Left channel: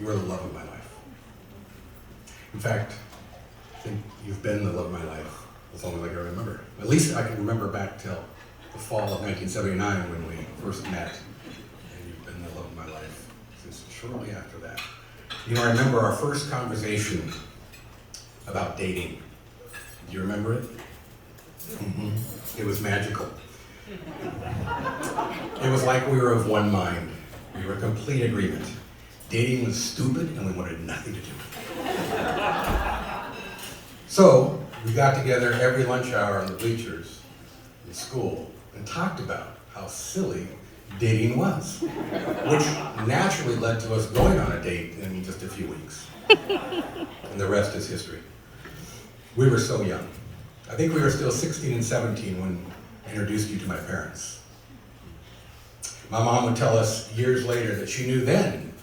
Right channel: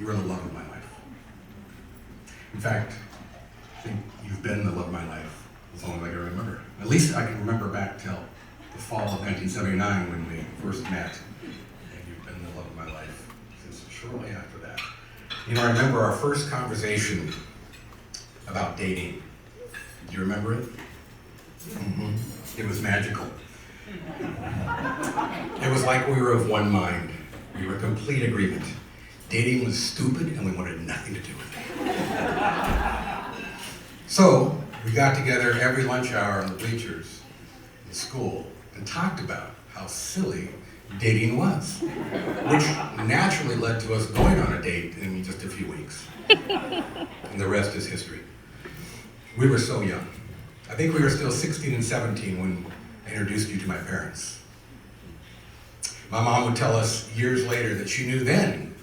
You are the love of my life. In fact, I think you've been the love of my life as long as I can remember. At least I can remember back till the fall of 1979 when we first met. And you've been the love of my life since shortly after that. You know, I remember our first conversation about dating. Do you remember it? Mm-hmm. It was magical. It was like we were of one mind. We were in complete agreement. Dating was stupid and we wanted nothing to do with it. So we got together every lunch hour on the bleachers in school and talked about how silly dating was, which naturally led to us going on a date in just a few weeks. And the rest is history. We were so young. I think we were still 16 and 17 when I introduced you to my parents. My mom would tell us years later that she knew then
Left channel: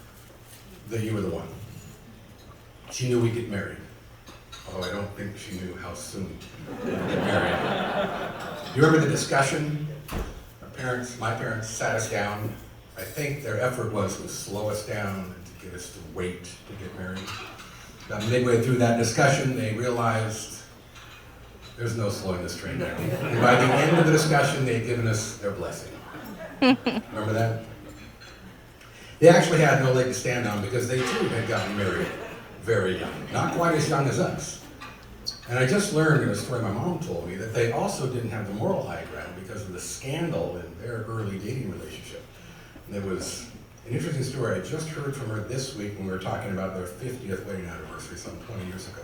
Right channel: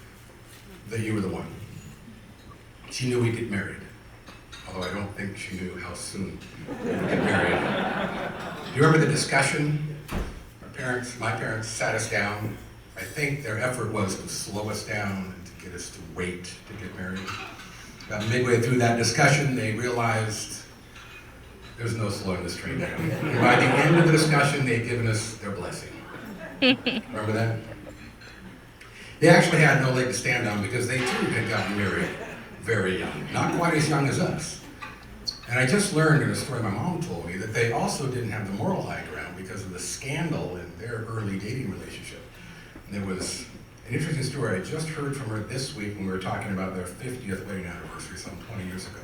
that you were the one. She knew we'd get married, although I don't think she knew how soon we'd get married. You remember the discussion? My parents sat us down. I think their effort was to slow us down and to get us to wait to get married. About midway through that discussion, they realized there's no slowing this train down. And by the end of the discussion, they'd given us their blessing. Remember that? They actually had no leg to stand on because they too had gotten married very young, not quite as young as us. And I just learned in a story my mom told me that they also didn't have the moral high ground because of the scandal in their early dating relationship. And there was an interesting story I just heard from her this week when we were talking about their 50th wedding anniversary some 20 years ago.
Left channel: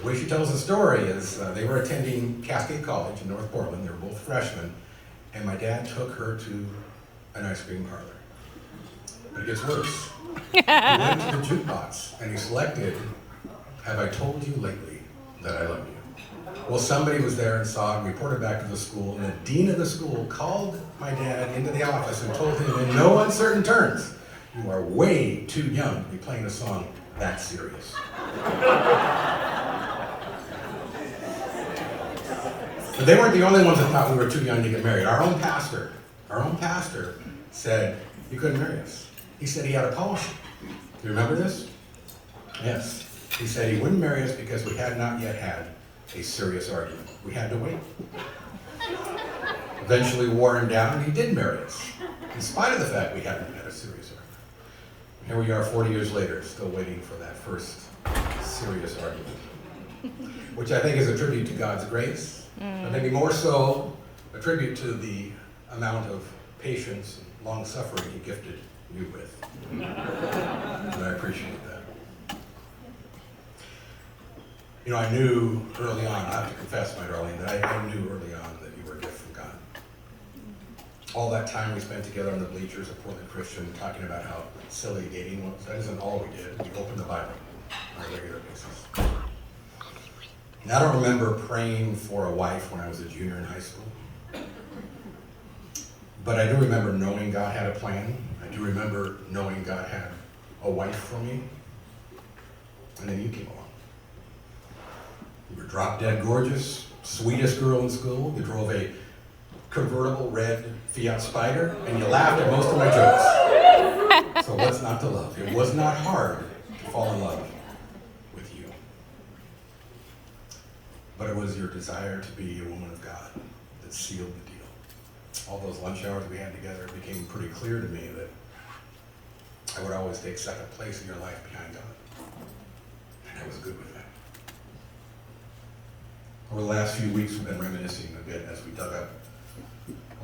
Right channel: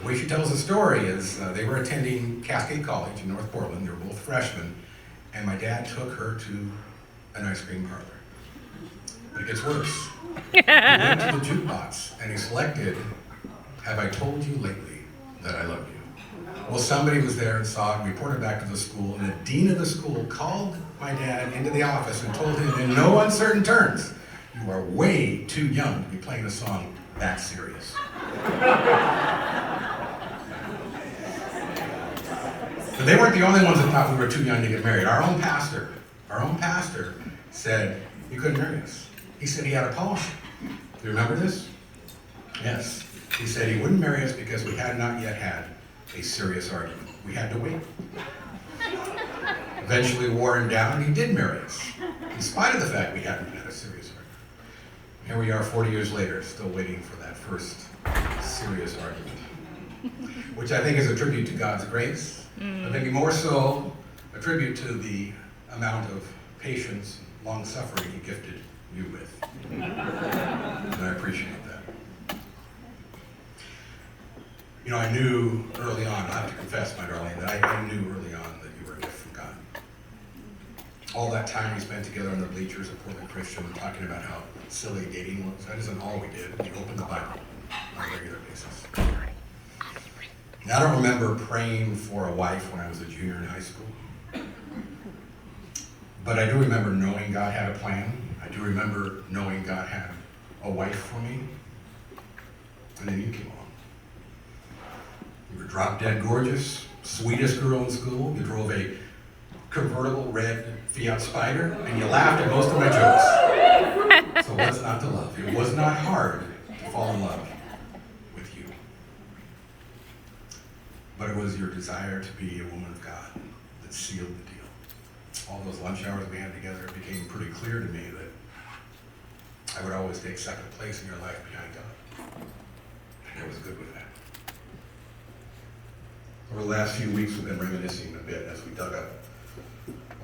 The way she tells the story is they were attending Cascade College in North Portland. They were both freshmen, and my dad took her to an ice cream parlor. But it gets worse. He went to the jukebox and he selected, "Have I told you lately that I love you?" Well, somebody was there and saw it, reported back to the school, and the dean of the school called my dad into the office and told him in no uncertain terms, "You are way too young to be playing a song that serious." But they weren't the only ones that thought we were too young to get married. Our own pastor said he couldn't marry us. He said he had a policy. Do you remember this? Yes. He said he wouldn't marry us because we had not yet had a serious argument. We had to wait. Eventually wore him down, and he did marry us, in spite of the fact we hadn't had a serious argument. Here we are 40 years later, still waiting for that first serious argument, which I think is a tribute to God's grace, but maybe more so a tribute to the amount of patience and long-suffering he gifted me with. And I appreciate that. You know, I knew early on, I have to confess, my darling, that I knew early on that you were a gift from God. All that time we spent together on the bleachers at Portland Christian talking about how silly dating was, that isn't all we did. We opened the Bible on a regular basis. And I don't remember praying for a wife when I was a junior in high school. But I do remember knowing God had a plan. I do remember knowing God had a wife for me. And then you came along. You were drop dead gorgeous, sweetest girl in school. You drove a convertible red Fiat Spider, and you laughed at most of my jokes. So what's not to love? It was not hard to fall in love with you. But it was your desire to be a woman of God that sealed the deal. All those lunch hours we had together, it became pretty clear to me that I would always take second place in your life behind God. And I was good with that. Over the last few weeks, we've been reminiscing a bit as we dug up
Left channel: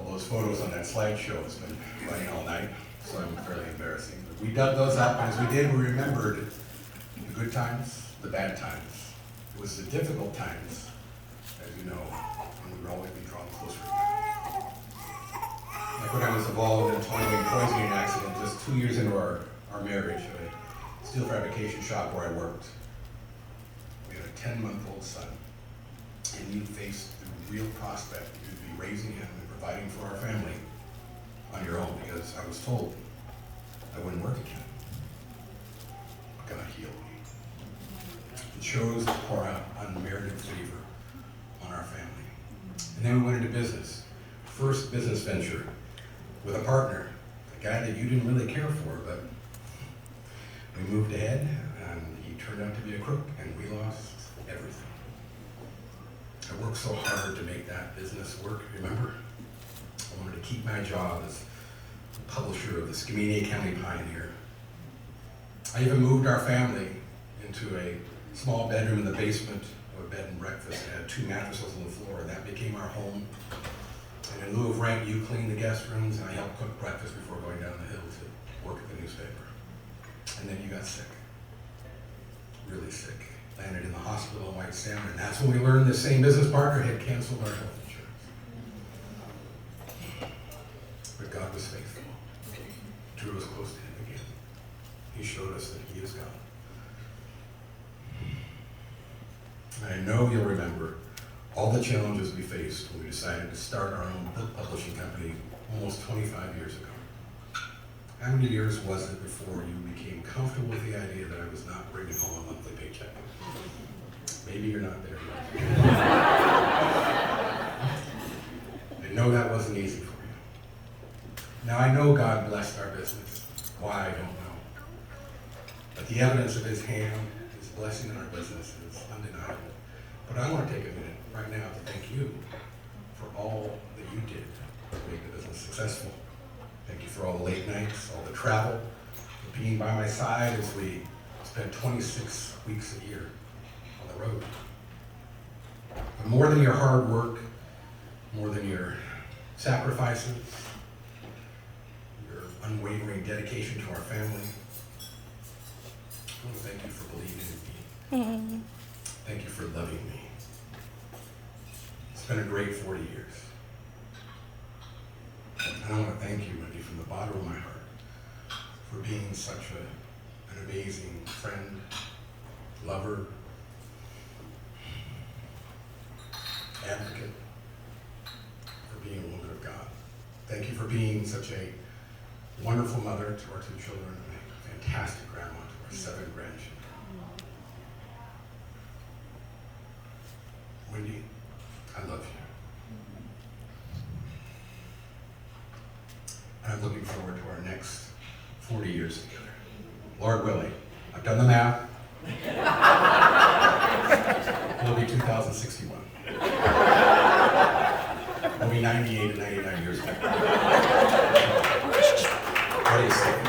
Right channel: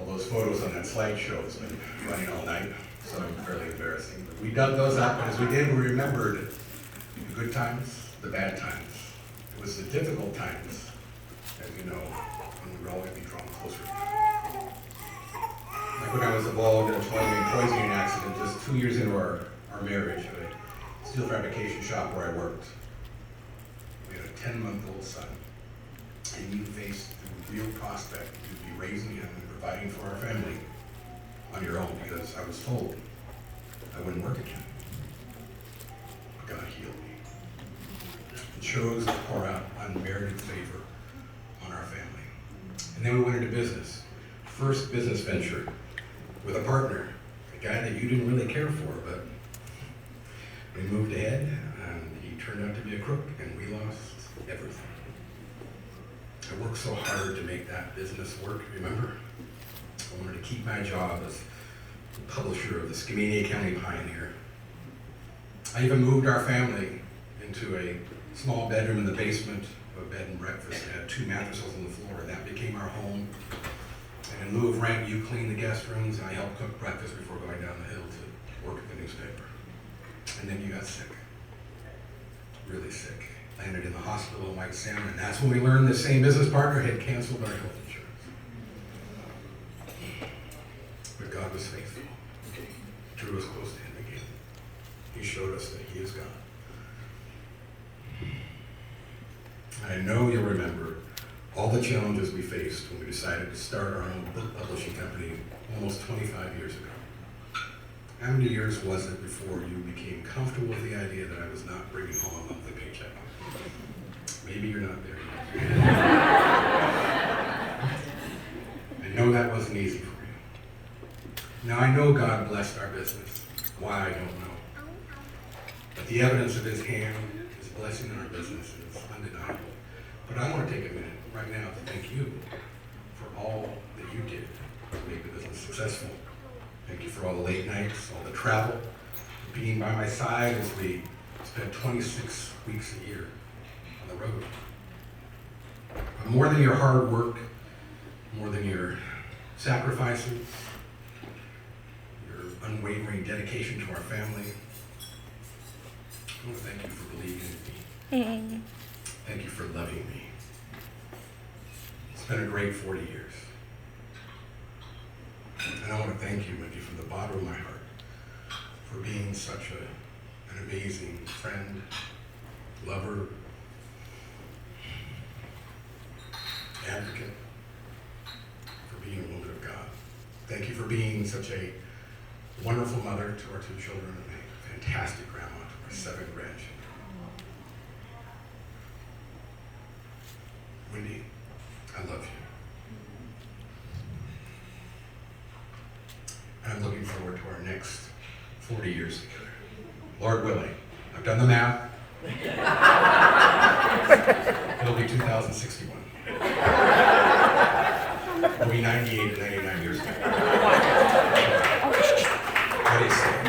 all those photos on that slideshow. It's been running all night, so fairly embarrassing. But we dug those up, and as we did, we remembered the good times, the bad times. It was the difficult times, as you know, and we would always be drawn closer. When I was involved in a poisoning accident just 2 years into our marriage at a steel fabrication shop where I worked. We had a 10-month-old son, and we faced the real prospect of be raising him and providing for our family on your own because I was told I wouldn't work again. God healed me and chose to pour out unmerited favor on our family. And then we went into business. First business venture with a partner, a guy that you didn't really care for, but we moved ahead, and he turned out to be a crook, and we lost everything. I worked so hard to make that business work, remember? I wanted to keep my job as the publisher of the Skamania County Pioneer. I even moved our family into a small bedroom in the basement of a bed and breakfast. It had 2 mattresses on the floor, and that became our home. And in lieu of rent, you cleaned the guest rooms, and I helped cook breakfast before going down the hill to work at the newspaper. And then you got sick, really sick. Landed in the hospital in White Salmon, and that's when we learned the same business partner had canceled our health insurance. But God was faithful. He drew us close to him again. He showed us that he is God. I know you'll remember all the challenges we faced when we decided to start our own book publishing company almost 25 years ago. How many years was it before you became comfortable with the idea that I was not bringing home a monthly paycheck? Maybe you're not there yet. And no, that wasn't easy for me. Now I know God blessed our business. Why, I don't know. But the evidence of his hand, his blessing in our business is undeniable. But I want to take a minute right now to thank you for all that you did to make the business successful. Thank you for all the late nights, all the travel, for being by my side as we spent 26 weeks a year on the road. But more than your hard work, more than your sacrifices, your unwavering dedication to our family, I want to thank you for believing in me. Thank you for loving me. It's been a great 40 years. And I want to thank you, Wendy, from the bottom of my heart for being such an amazing friend, lover, advocate, for being a woman of God. Thank you for being such a wonderful mother to our 2 children and a fantastic grandma to our 7 grandchildren. Wendy, I love you. I'm looking forward to our next 40 years together. Lord willing. I've done the math. It'll be 2061. We'll be 98 and 99 years together. What do you say?